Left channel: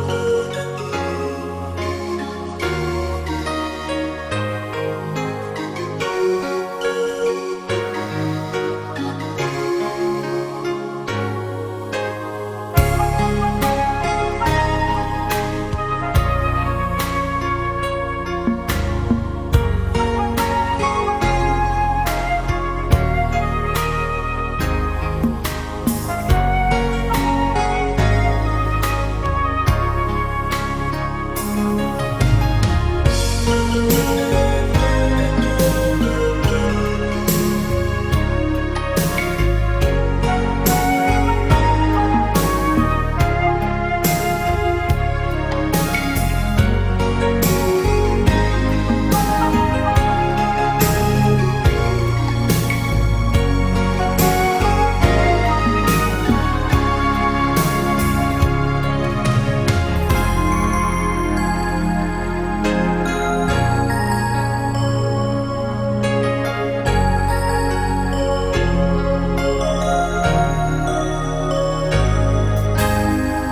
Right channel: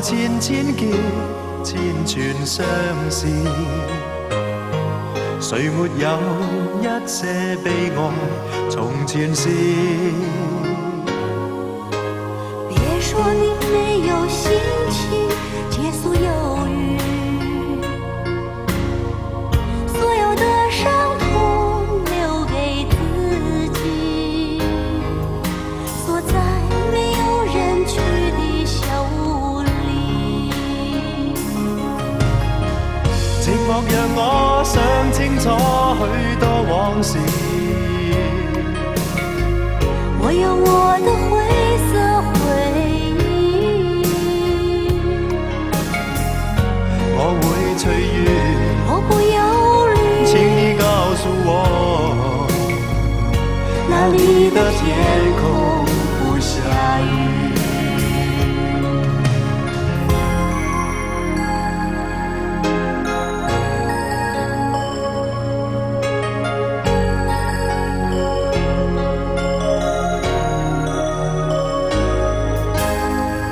有千千結，千串相思。誰沒有一些悲哀，從前事。別說你沒有心情解所有雨，所有的傷痛留給自己，鎖在沒有人去的小屋裡。寂寞讓我想清楚許多往事，我有我的灰色回憶，我會隨緣，我不憂慮，請你告訴我，那裡的天空不下雨。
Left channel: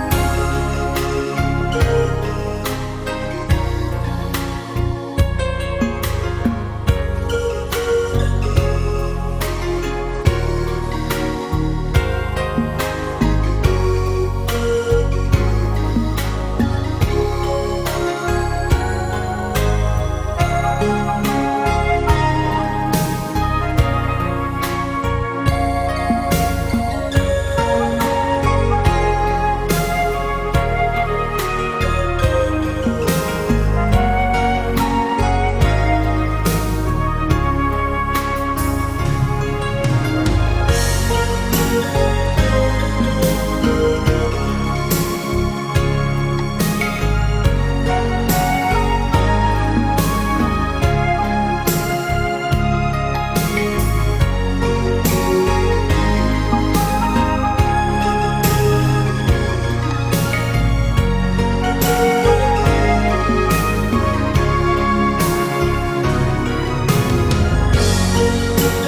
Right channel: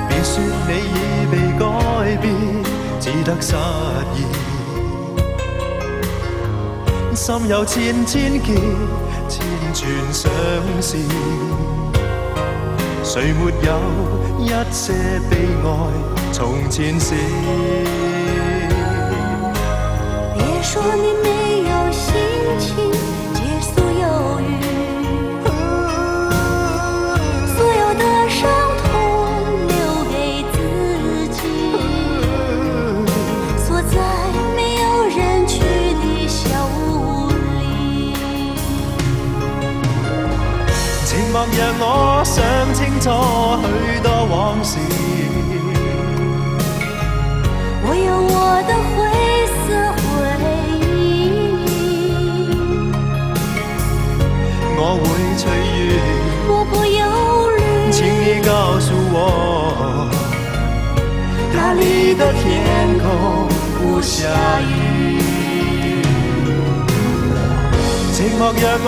別說你已被改變，只得失意。心有千千結，千串相思。誰沒有一些悲哀，從前事。別說你沒有心情解所有雨，所有的傷痛留給自己，鎖在沒有人去的小屋裡。寂寞讓我想清楚許多往事，我有我的灰色回憶，我會隨緣，我不憂慮，請你告訴我，哪裡的天空不下雨。寂寞讓我